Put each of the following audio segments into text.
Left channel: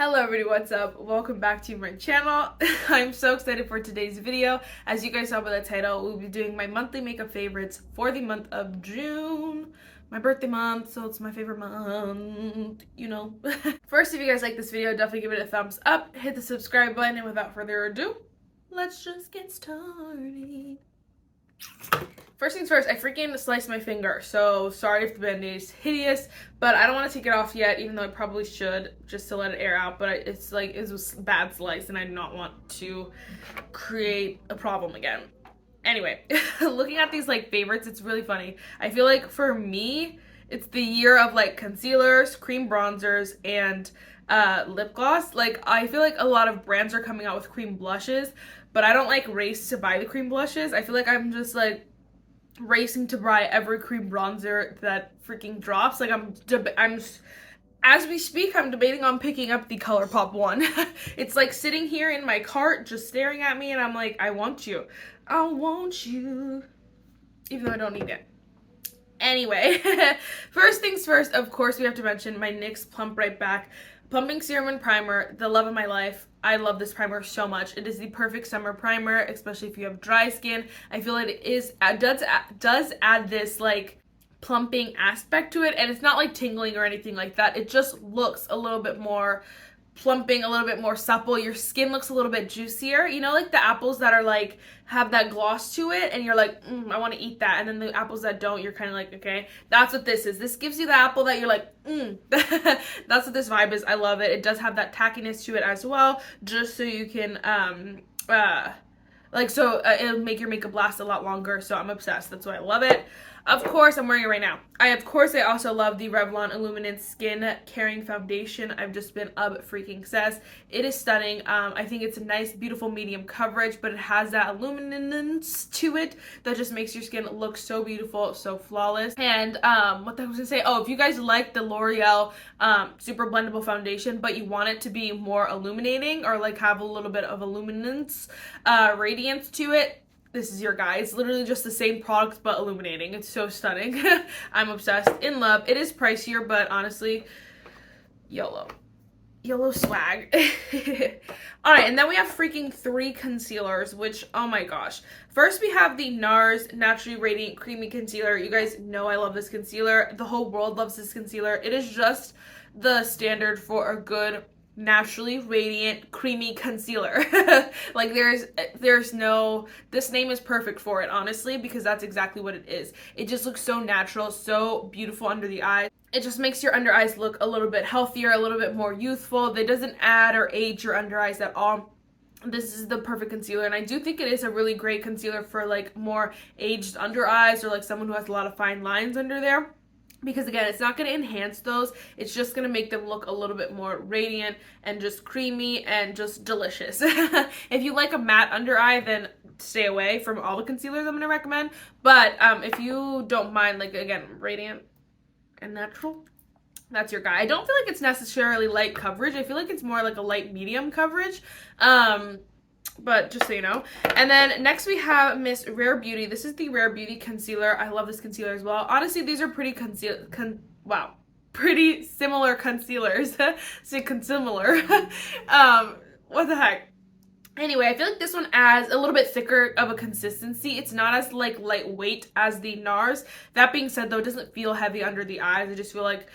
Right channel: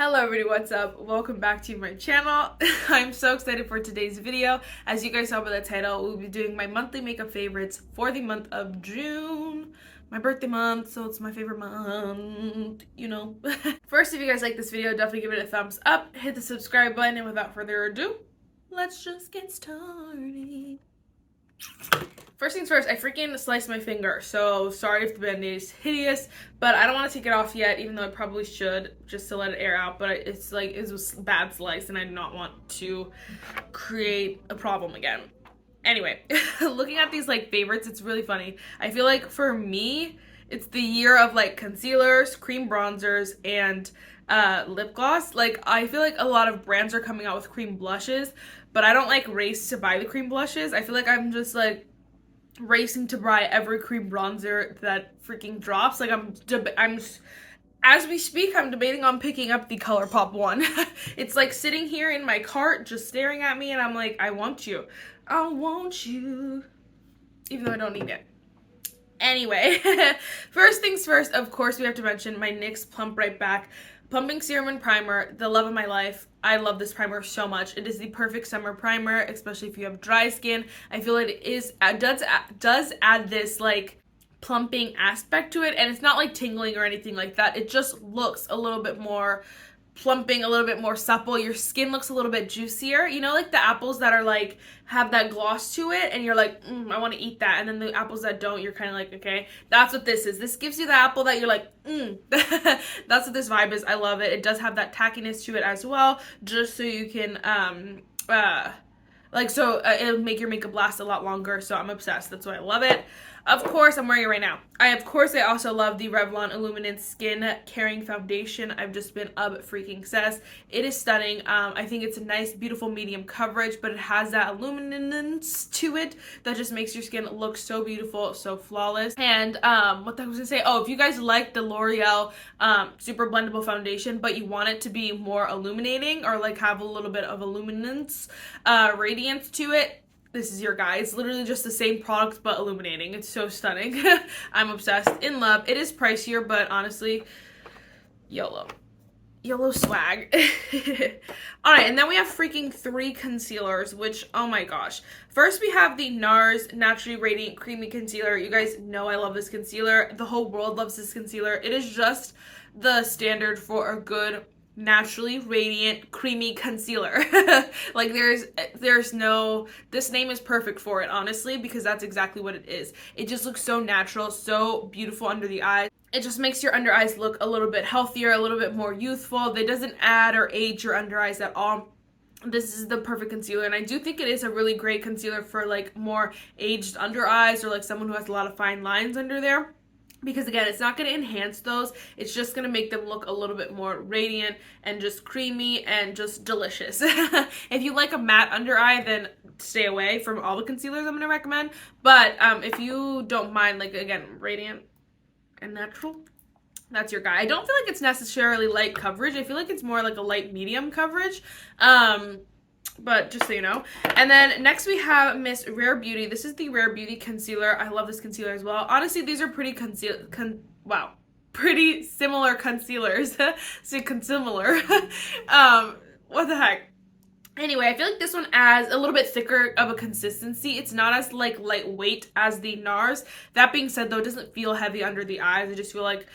Hello everybody, what's up? Welcome back to my channel. I'm so excited for today's video. As you guys saw by the title, we'll be doing my monthly makeup favorites for the month of June. My birthday month, so it's my favorite month, you know. First, if you guys like this video, definitely give it a thumbs up, hit the subscribe button, and without further ado, let's just get started. First things first, I freaking sliced my finger, so sorry if the band-aid is hideous, but I don't want to take it off yet, even though I probably should, just to let it air out, but it's like, it was a bad slice, and I do not want to create a problem again. Anyway, looking at these, like, favorites, it's really funny. I feel like, for me, it's the year of, like, concealers, cream bronzers, and lip gloss. Like, I feel like a lot of brands are coming out with cream blushes, but I don't, like, race to buy the cream blushes. I feel like I'm just, like, racing to buy every cream bronzer that freaking drops. Like I'm as we speak, I'm debating on picking up the ColourPop one. It's like sitting here in my cart just staring at me, and I'm like, I want you, even though I don't need it. Anyway, first things first, of course we have to mention my NYX Plump Right Back Plumping Serum and Primer, the love of my life. I love this primer so much. It is the perfect summer primer, especially if you have dry skin. I feel like it does add this like plumping aspect to it, and it's not like tingling or anything like that. It just looks a little bit more plumping, a little bit more supple. Your skin looks a little bit juicier. You know, like the apples that are like have that gloss to it and you're like, I want to eat that, and then the apples that don't, you're kind of like, okay, that's what this is. This gives you the apple that you're like, that's what this vibe is. I love it. It does have that tackiness to it as well, just so you can it'll make your makeup last a lot longer. So I'm obsessed. That's why I love it. Of course, I'm wearing it right now. I also love the Revlon Illuminance Skin Caring Foundation. I've just been freaking obsessed. It is stunning. I think it's a nice, beautiful medium coverage, but it has that illuminance to it that just makes your skin look so beautiful, so flawless. And what I was gonna say, if you guys like the L'Oreal Super Blendable Foundation, but you want it to be more illuminating or like have a little bit of illuminance, radiance to it, this is your guy. It's literally just the same product but illuminating. It's so stunning. I'm obsessed, in love. It is pricier, but honestly, YOLO swag. Alright, and then we have freaking 3 concealers, which, oh my gosh. First, we have the Nars Naturally Radiant Creamy Concealer. You guys know I love this concealer. The whole world loves this concealer. It is just the standard for a good naturally radiant creamy concealer. Like there's no, this name is perfect for it, honestly, because that's exactly what it is. It just looks so natural, so beautiful under the eyes. It just makes your under eyes look a little bit healthier, a little bit more youthful. It doesn't add or age your under eyes at all. This is the perfect concealer, and I do think it is a really great concealer for like more aged under eyes, or like someone who has a lot of fine lines under there. Because again, it's not going to enhance those, it's just going to make them look a little bit more radiant and just creamy and just delicious. If you like a matte under eye, then stay away from all the concealers I'm going to recommend. But if you don't mind, like again, radiant and natural, that's your guy. I don't feel like it's necessarily light coverage. I feel like it's more like a light medium coverage. But just so you know. And then next we have Miss Rare Beauty. This is the Rare Beauty concealer. I love this concealer as well. Honestly, these are pretty pretty similar concealers. Say consimilar. What the heck? Anyway, I feel like this one adds a little bit thicker of a consistency. It's not as like lightweight as the Nars. That being said, though, it doesn't feel heavy under the eyes. I just feel like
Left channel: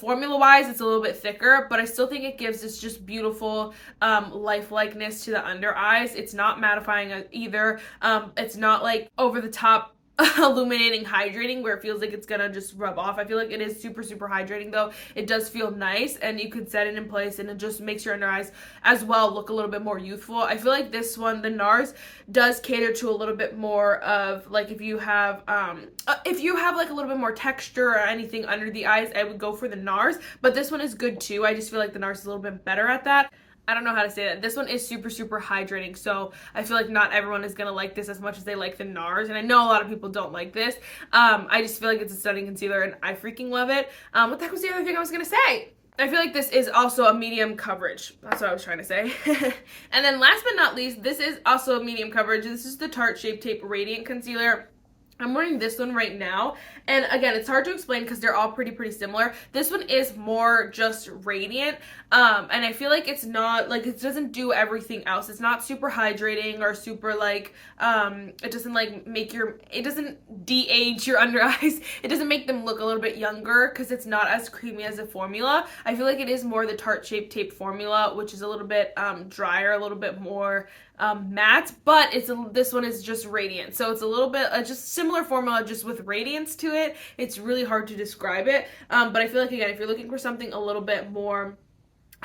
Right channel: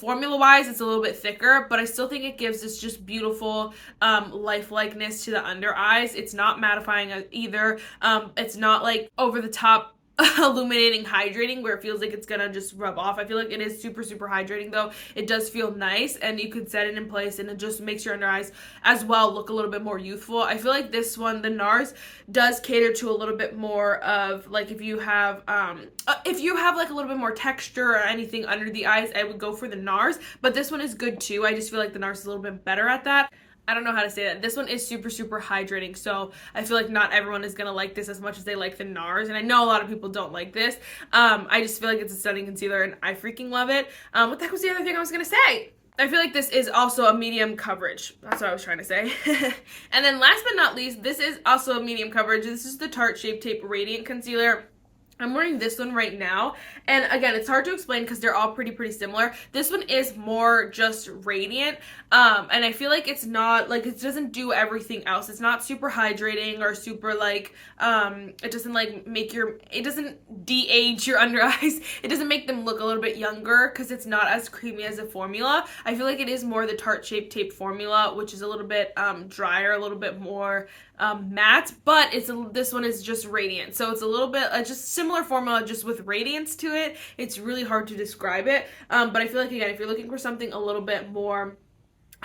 formula-wise, it's a little bit thicker, but I still think it gives this just beautiful lifelikeness to the under eyes. It's not mattifying either. It's not like over-the-top illuminating, hydrating, where it feels like it's gonna just rub off. I feel like it is super, super hydrating, though. It does feel nice, and you could set it in place, and it just makes your under eyes as well look a little bit more youthful. I feel like this one, the Nars, does cater to a little bit more of like if you have like a little bit more texture or anything under the eyes, I would go for the Nars. But this one is good too. I just feel like the Nars is a little bit better at that. I don't know how to say that. This one is super, super hydrating, so I feel like not everyone is going to like this as much as they like the Nars, and I know a lot of people don't like this. I just feel like it's a stunning concealer, and I freaking love it. What the heck was the other thing I was going to say? I feel like this is also a medium coverage. That's what I was trying to say. And then last but not least, this is also a medium coverage. This is the Tarte Shape Tape Radiant Concealer. I'm wearing this one right now, and again, it's hard to explain because they're all pretty similar. This one is more just radiant. And I feel like it's not, like, it doesn't do everything else. It's not super hydrating or super, like, it doesn't, like, it doesn't de-age your under eyes. It doesn't make them look a little bit younger because it's not as creamy as the formula. I feel like it is more the Tarte Shape Tape formula, which is a little bit drier, a little bit more matte, but this one is just radiant, so it's a little bit just similar formula, just with radiance to it. It's really hard to describe it, but I feel like, again, if you're looking for something a little bit more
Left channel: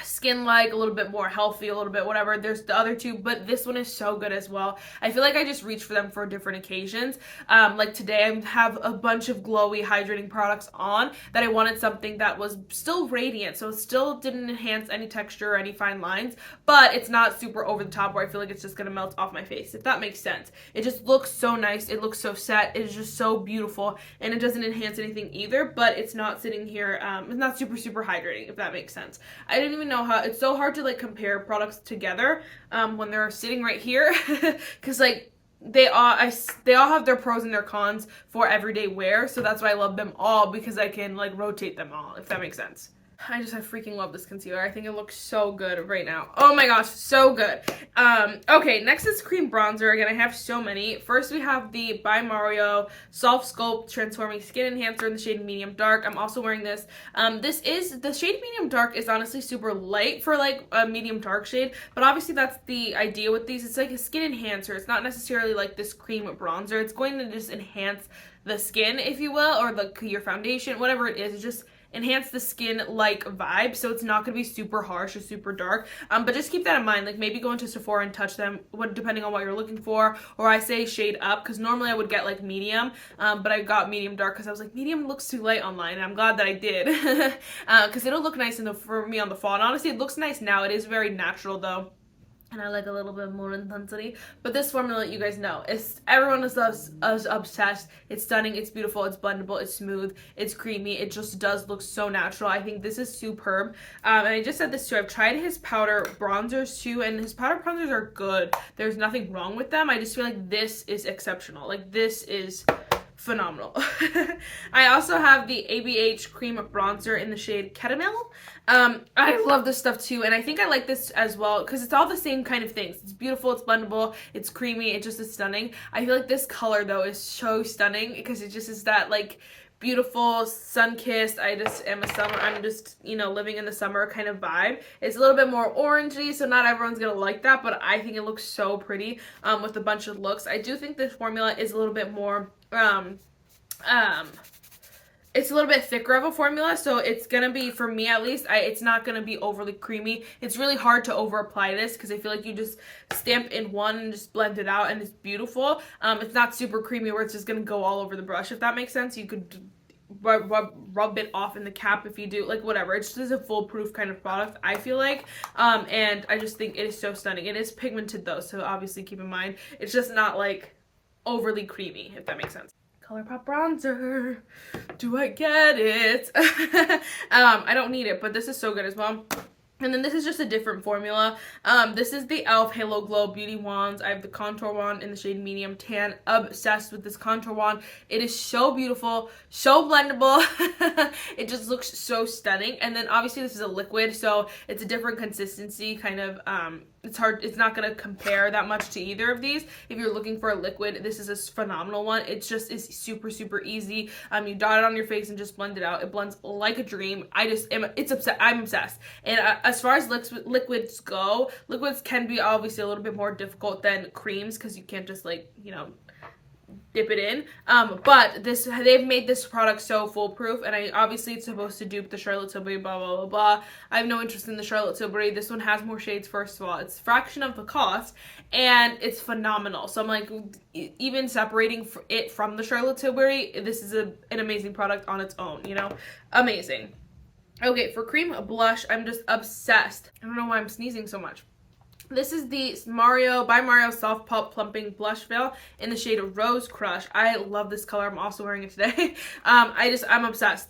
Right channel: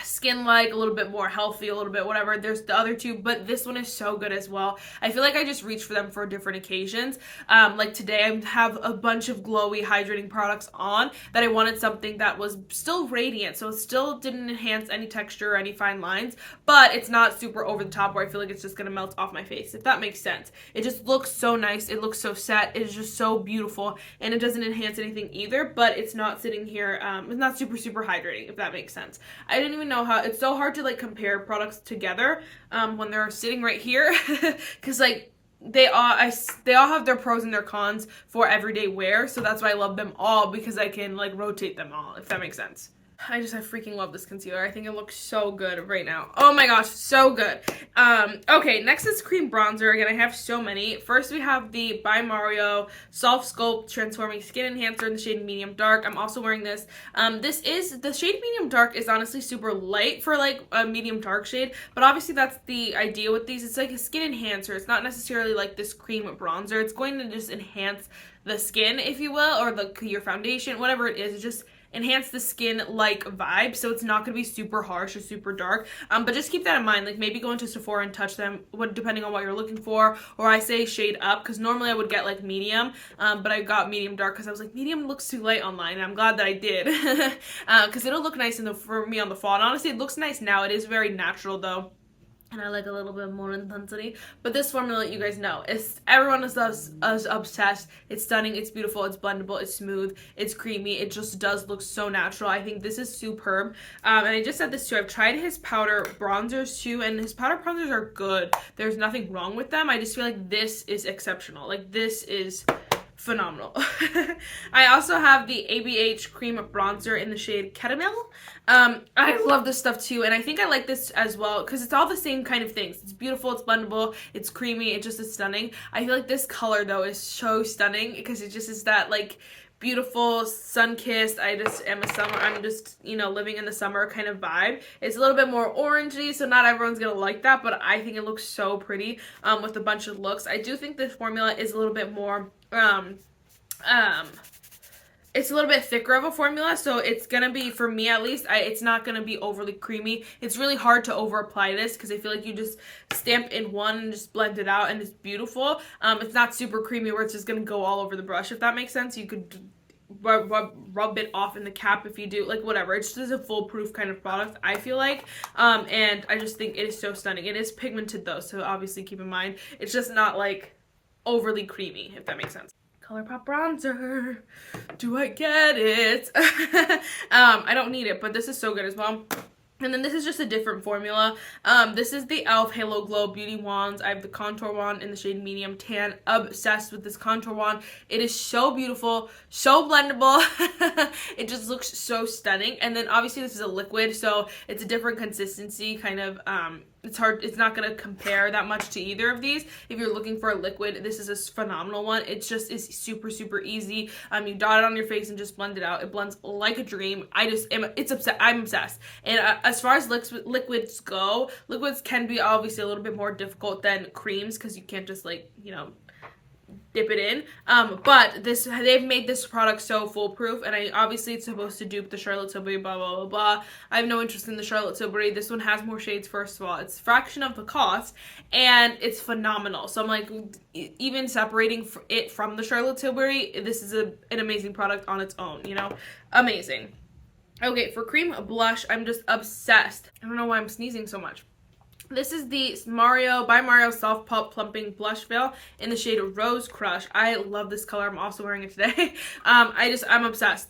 skin-like, a little bit more healthy, a little bit whatever, there's the other two, but this one is so good as well. I feel like I just reach for them for different occasions. Like today I have a bunch of glowy hydrating products on that I wanted something that was still radiant, so it still didn't enhance any texture or any fine lines, but it's not super over the top where I feel like it's just gonna melt off my face, if that makes sense. It just looks so nice, it looks so set, it is just so beautiful, and it doesn't enhance anything either, but it's not sitting here, it's not super hydrating, if that makes sense. I didn't even know how, it's so hard to, like, compare products together when they're sitting right here, because, like, they all have their pros and their cons for everyday wear, so that's why I love them all, because I can, like, rotate them all, if that makes sense. I freaking love this concealer. I think it looks so good right now. Oh my gosh, so good. Okay, next is cream bronzer. Again, I have so many. First, we have the by Mario Softsculpt Transforming Skin Enhancer in the shade Medium Dark. I'm also wearing this. The shade Medium Dark is honestly super light for, like, a medium dark shade, but obviously that's the idea with these. It's like a skin enhancer. It's not necessarily like this cream bronzer. It's going to just enhance the skin, if you will, or your foundation, whatever it is. It just enhance the skin like vibe, so it's not going to be super harsh or super dark, but just keep that in mind. Like, maybe go into Sephora and touch them depending on what you're looking for, or I say shade up, because normally I would get, like, medium, but I got medium dark because I was like, medium looks too light online, and I'm glad that I did, because it'll look nice for me on the fall. And honestly, it looks nice now. It is very natural though, and I like a little bit more intensity. But this formula, you guys know, everyone is obsessed. It's stunning, it's beautiful, it's blendable, it's smooth, it's creamy. It just does look so natural. I think this is superb. And I just said this too. I've tried his powder bronzers too, and his powder bronzers are good. There's nothing wrong with them. I just feel like this is exceptional. Like, this is phenomenal. I also have the ABH cream bronzer in the shade Caramel. I love this stuff too, and I think I like this as well because it's all the same kind of things. It's beautiful, it's blendable, it's creamy, it just is stunning. I feel like this color though is so stunning because it just is that, like, beautiful sun-kissed, I'm just, you know, living in the summer kind of vibe. It's a little bit more orangey, so not everyone's gonna like that, but I think it looks so pretty with a bunch of looks. I do think this formula is a little bit more it's a little bit thicker of a formula, so it's gonna be, for me at least, it's not gonna be overly creamy. It's really hard to over apply this because I feel like you just stamp in one and just blend it out and it's beautiful. It's not super creamy where it's just gonna go all over the brush, if that makes sense. You could rub it off in the cap if you do, like, whatever. It's just a foolproof kind of product, I feel like, and I just think it is so stunning. It is pigmented though, so obviously keep in mind it's just not, like, overly creamy, if that makes sense. ColourPop bronzer. Do I get it? I don't need it, but this is so good as well. And then this is just a different formula. This is the e.l.f. Halo Glow Beauty Wands. I have the contour wand in the shade Medium Tan. Obsessed with this contour wand. It is so beautiful, so blendable. It just looks so stunning. And then obviously this is a liquid, so it's a different consistency, kind of, it's not going to compare that much to either of these. If you're looking for a liquid, this is a phenomenal one. It just is super easy. You dot it on your face and just blend it out. It blends like a dream. I'm obsessed. And as far as liquids go, liquids can be obviously a little bit more difficult than creams because you can't just, like, you know, dip it in, but they've made this product so foolproof, and obviously it's supposed to dupe the Charlotte Tilbury, blah blah blah. I have no interest in the Charlotte Tilbury. This one has more shades. First of all, it's a fraction of the cost, and it's phenomenal. So I'm like, even separating it from the Charlotte Tilbury, this is an amazing product on its own, you know, amazing. Okay, for cream blush, I'm just obsessed. I don't know why I'm sneezing so much. This is the by Mario Soft Pulp Plumping Blush Veil in the shade Rose Crush. I love this color. I'm also wearing it today. I'm obsessed.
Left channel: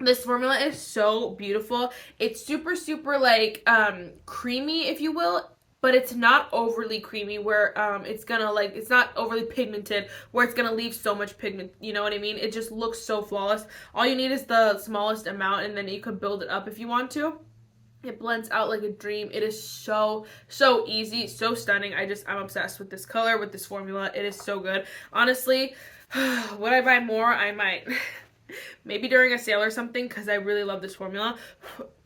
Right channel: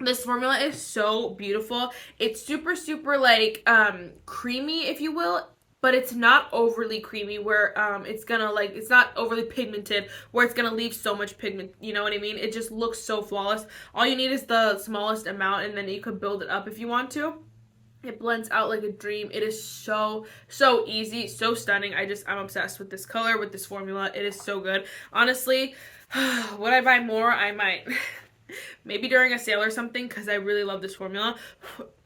This formula is so beautiful. It's super like creamy, if you will, but it's not overly creamy where it's gonna, like, it's not overly pigmented where it's gonna leave so much pigment, you know what I mean? It just looks so flawless. All you need is the smallest amount, and then you could build it up if you want to. It blends out like a dream. It is so, so easy, so stunning. I'm obsessed with this color, with this formula. It is so good. Honestly, would I buy more? I might. Maybe during a sale or something, because I really love this formula.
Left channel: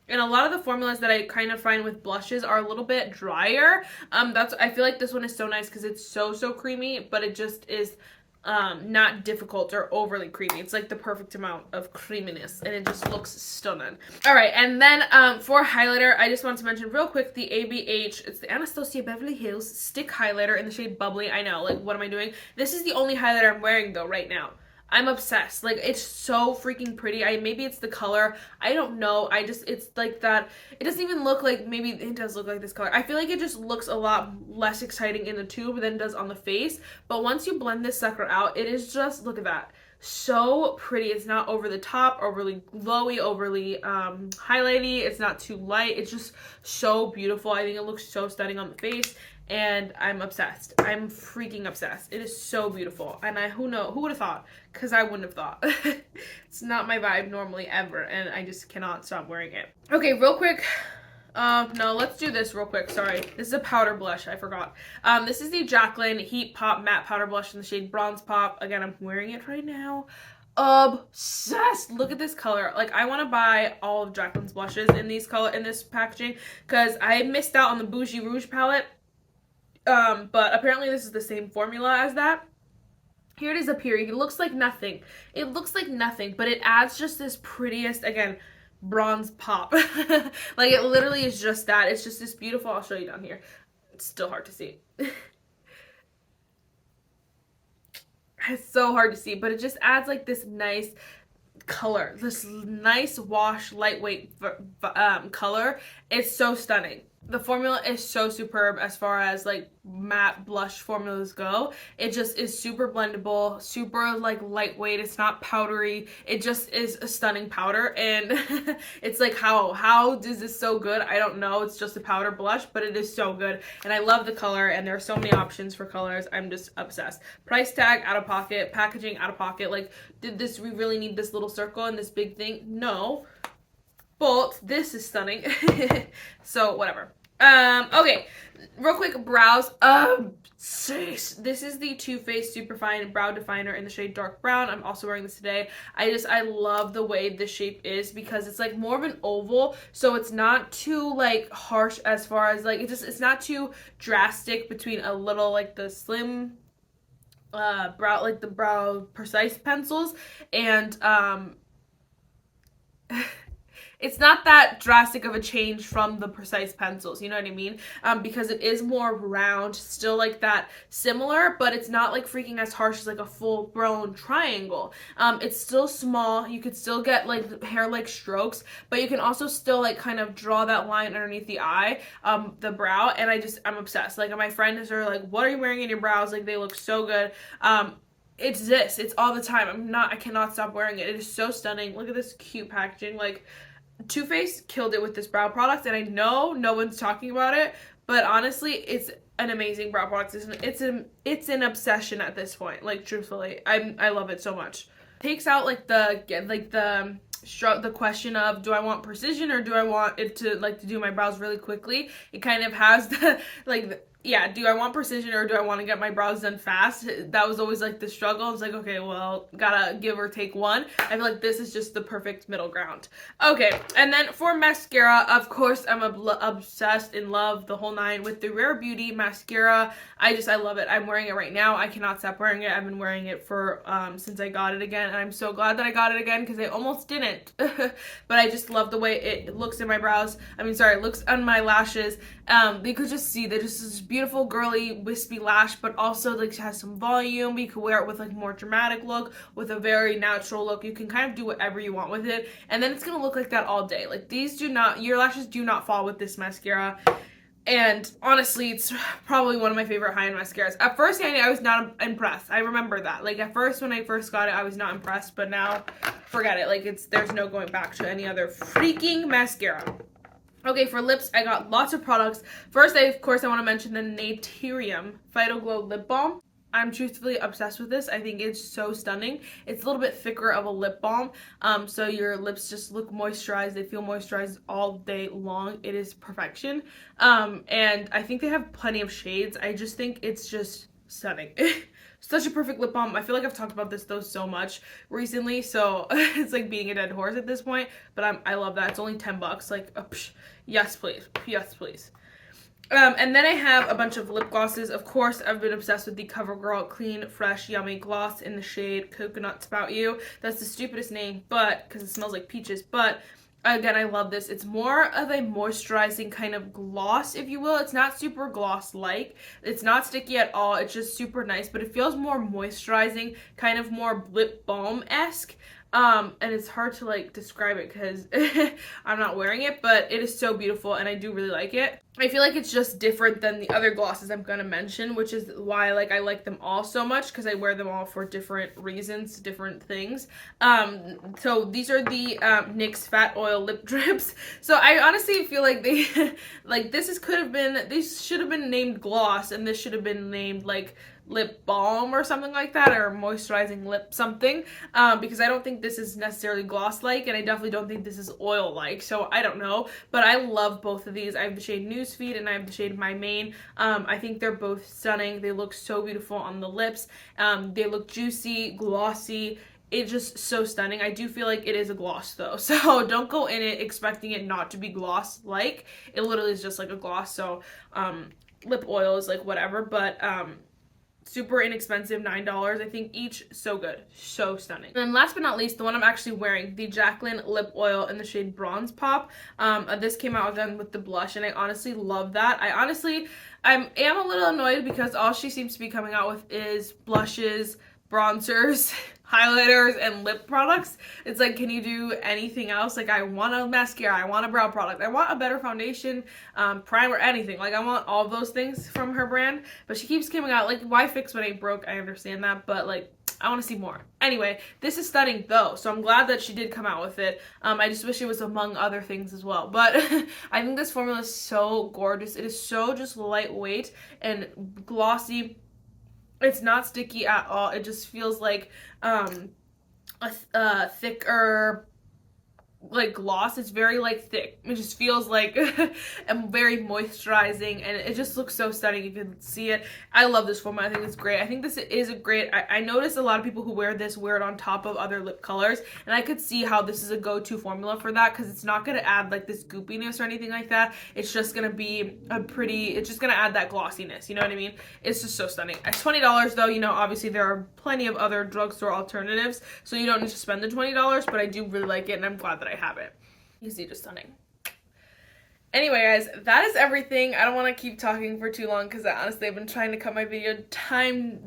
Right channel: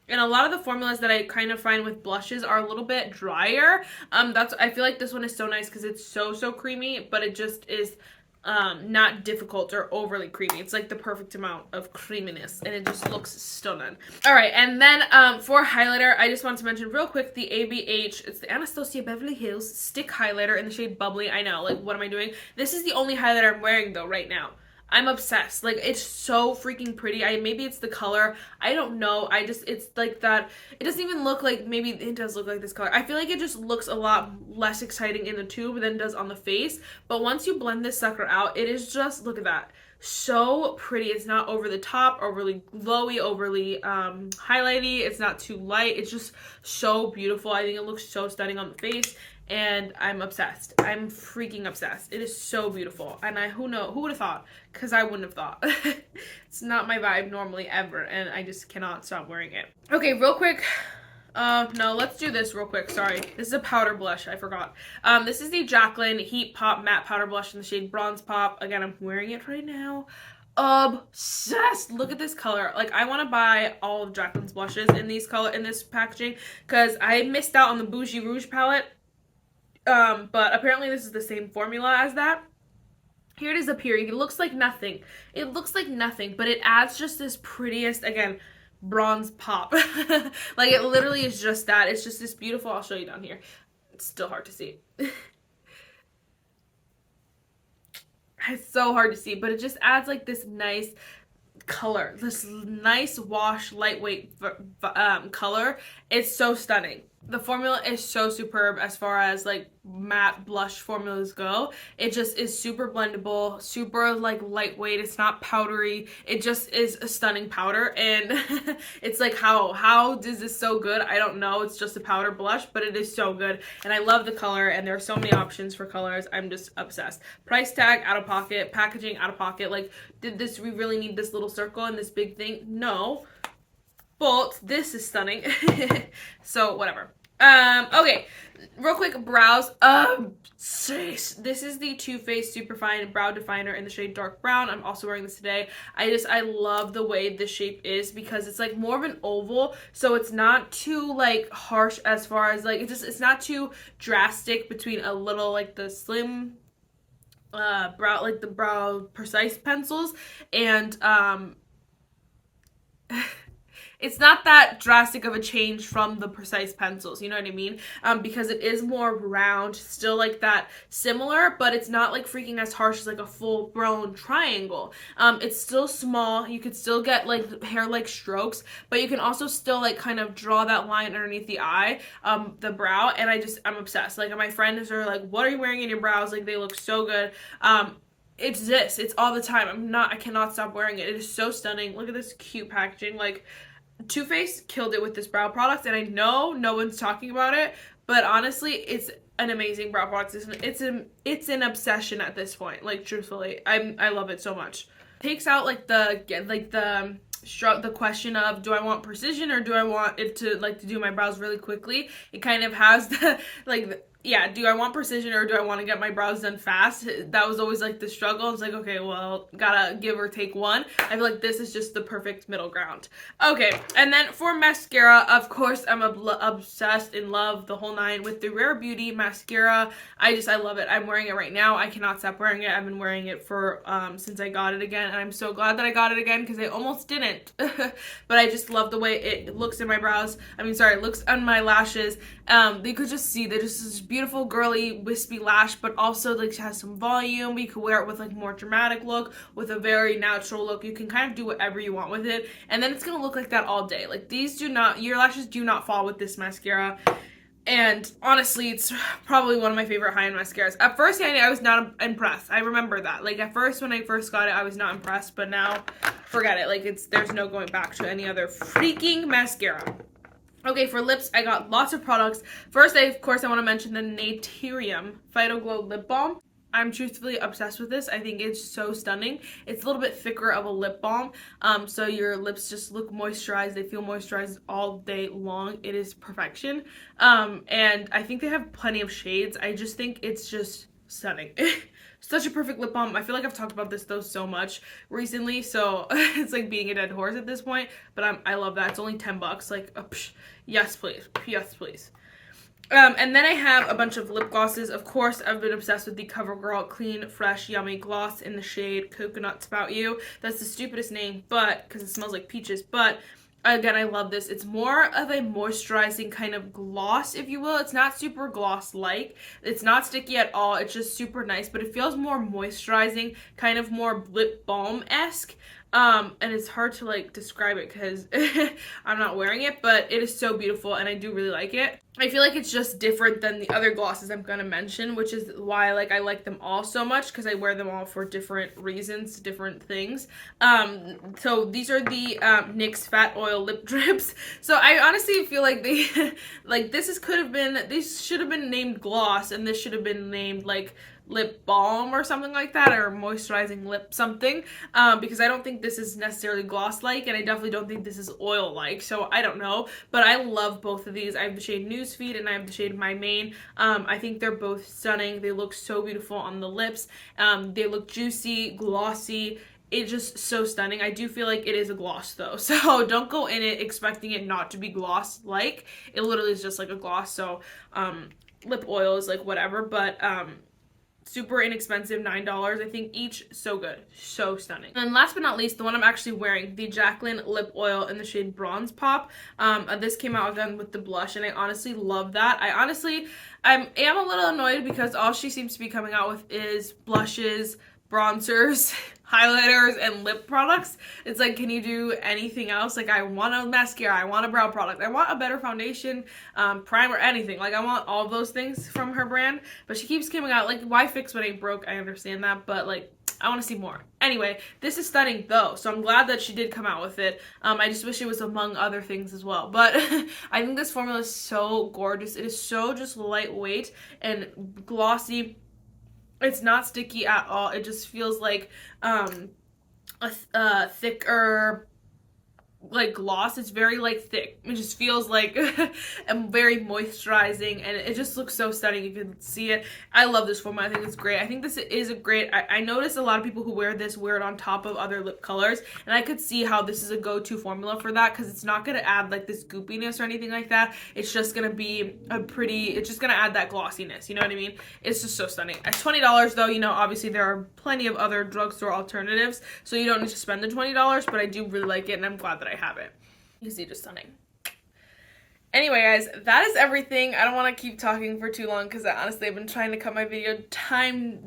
And a lot of the formulas that I kind of find with blushes are a little bit drier. I feel like this one is so nice because it's so, so creamy, but it just is not difficult or overly creamy. It's like the perfect amount of creaminess, and it just looks stunning. All right, and then for highlighter, I just want to mention real quick the ABH. It's the Anastasia Beverly Hills Stick Highlighter in the shade Bubbly. I know, like, what am I doing? This is the only highlighter I'm wearing though right now. I'm obsessed. Like, it's so freaking pretty. Maybe it's the color. I don't know. It's like that. It doesn't even look like, maybe it does look like this color. I feel like it just looks a lot less exciting in the tube than it does on the face. But once you blend this sucker out, it is just, look at that. So pretty. It's not over the top, overly glowy, overly highlighty. It's not too light. It's just so beautiful. I think it looks so stunning on the face. And I'm obsessed. I'm freaking obsessed. It is so beautiful. And who would have thought? Because I wouldn't have thought. It's not my vibe normally ever, and I just cannot stop wearing it. Okay, real quick. No, let's do this real quick. Sorry. This is a powder blush. I forgot. This is the Jaclyn Heat Pop Matte Powder Blush in the shade Bronze Pop. Again, I'm wearing it right now. Obsessed. Look at this color. Like, I want to buy all of Jaclyn's blushes in this packaging, because I missed out on the Bougie Rouge palette. But apparently this is the same formula as that. Here it is up here. It looks like nothing. It looks like nothing, but it adds just this prettiest, again, bronze pop. Like, it literally is just that. It's just this beautiful, I'll show you down here. It's still hard to see. It's so hard to see, but it just adds like this nice color, this nice wash, lightweight color. It's so stunning. The formula is so superb as far as like matte blush formulas go. It just is super blendable, super like lightweight. It's not powdery. It just is a stunning powder, and it's like, how is this so good? I don't know. It's just a powder blush, but it is so good, and I love the color, and there are so many options for colors. I'm just obsessed. Price tag out of pocket, packaging out of pocket. Like, we really need this little circle and this big thing? No. But this is stunning. So whatever. Okay, real quick, brows. This is the Too Faced Superfine Brow Definer in the shade Dark Brown. I'm also wearing this today. I love the way this shape is, because it's like more of an oval, so it's not too like harsh as far as like, it's not too drastic between a little like the slim brow, like the brow precise pencils, and it's not that drastic of a change from the precise pencils, you know what I mean? Because it is more round, still like that similar, but it's not like freaking as harsh as like a full-blown triangle. It's still small. You could still get like hair-like strokes, but you can also still like kind of draw that line underneath the eye, the brow, and I'm obsessed. Like, my friends are like, what are you wearing in your brows? Like, they look so good. It's all the time. I cannot stop wearing it. It is so stunning. Look at this cute packaging. Like, Too Faced killed it with this brow product, and I know no one's talking about it, but honestly, it's an amazing brow product. It's an obsession at this point. Like, truthfully, I love it so much. Takes out like the question of, do I want precision or do I want it to like to do my brows really quickly? It kind of has the yeah, do I want precision or do I want to get my brows done fast? That was always like the struggle. It's like, okay, well, gotta give or take one. I feel like this is just the perfect middle ground. Okay, and then for mascara, of course, I'm obsessed, in love, the whole nine with the Rare Beauty mascara. I love it. I'm wearing it right now. I cannot stop wearing it. I've been wearing it for since I got it again, and I'm so glad that I got it again, because I almost didn't. But I just love the way it looks in my brows. It looks on my lashes. You could just see that this is beautiful, girly, wispy lash, but also like has some volume. You could wear it with like more dramatic look, with a very natural look. You can kind of do whatever you want with it, and then it's gonna look like that all day. Like, your lashes do not fall with this mascara. And honestly, it's probably one of my favorite high-end mascaras. At first, I was not impressed. I remember that. Like, at first, when I first got it, I was not impressed, but now, forget it. Like, there's no going back to any other freaking mascara. Okay, for lips, I got lots of products. First, of course, I want to mention the Naturium Phyto Glow Lip Balm. I'm truthfully obsessed with this. I think it's so stunning. It's a little bit thicker of a lip balm, so your lips just look moisturized. They feel moisturized all day long. It is perfection. And I think they have plenty of shades. I just think it's just stunning. Such a perfect lip balm. I feel like I've talked about this though so much recently, so it's like being a dead horse at this point, but I love that. It's only 10 bucks. Like, yes please, yes please. And then I have a bunch of lip glosses. Of course, I've been obsessed with the CoverGirl Clean Fresh Yummy Gloss in the shade Coconut Spout You. That's the stupidest name, but because it smells like peaches, but again, I love this. It's more of a moisturizing kind of gloss, if you will. It's not super gloss-like. It's not sticky at all. It's just super nice, but it feels more moisturizing, kind of more lip balm-esque. And it's hard to like describe it because I'm not wearing it, but it is so beautiful and I do really like it. I feel like it's just different than the other glosses I'm gonna mention, which is why like I like them all so much, because I wear them all for different reasons, different things. So these are the NYX Fat Oil Lip Drips. So I honestly feel like they like these should have been named gloss, and this should have been named like lip balm or something like that, or moisturizing lip something, because I don't think this is necessarily gloss like, and I definitely don't think this is oil like, so I don't know, but I love both of these. I have the shade Newsfeed and I have the shade My Main. I think they're both stunning. They look so beautiful on the lips. They look juicy, glossy. It's just so stunning. I do feel like it is a gloss though, so don't go in it expecting it not to be gloss like. It literally is just like a gloss. So lip oil is like whatever, but super inexpensive, $9 I think each. So good, so stunning. And then last but not least, the one I'm actually wearing, the Jaclyn lip oil in the shade Bronze Pop. This came out again with the blush, and I honestly love that. I am a little annoyed because all she seems to be coming out with is blushes, bronzers, highlighters, and lip products. It's like, can you do anything else? Like, I want a mascara, I want a brow product, I want a better foundation, primer, anything. Like, I want all those things from her brand, but she keeps coming out, like, why fix what ain't broke? I understand that, but like, I want to see more. Anyway, this is stunning though, so I'm glad that she did come out with it. I just wish it was among other things as well, but I think this formula is so gorgeous. It is so just lightweight and glossy. It's not sticky at all. It just feels like a thicker like gloss. It's very like thick. It just feels like and very moisturizing, and it just looks so stunning. You can see it. I love this formula. I think it's great. I think this is a great, I noticed a lot of people who wear it on top of other lip colors, and I could see how this is a go-to formula for that, because it's not going to add like this goopiness or anything like that. It's just going to be it's just going to add that glossiness, you know what I mean? It's just so stunning. At $20 though, you know, obviously there are plenty of other drugstore alternatives, so you don't need to spend the $20, but I do really like it, and I'm glad that I have it. You see, just stunning. Anyway, guys, that is everything. I don't want to keep talking for too long because honestly I've been trying to cut my video times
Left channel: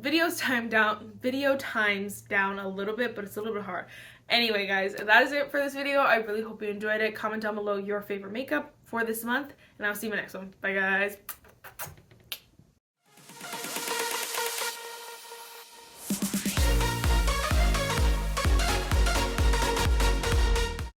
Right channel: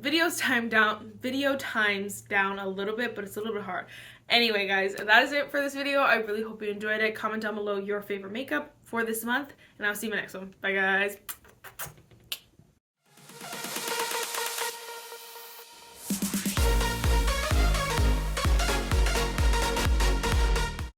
down a little bit, but it's a little bit hard. Anyway, guys, that is it for this video. I really hope you enjoyed it. Comment down below your favorite makeup for this month, and I'll see you in my next one. Bye, guys.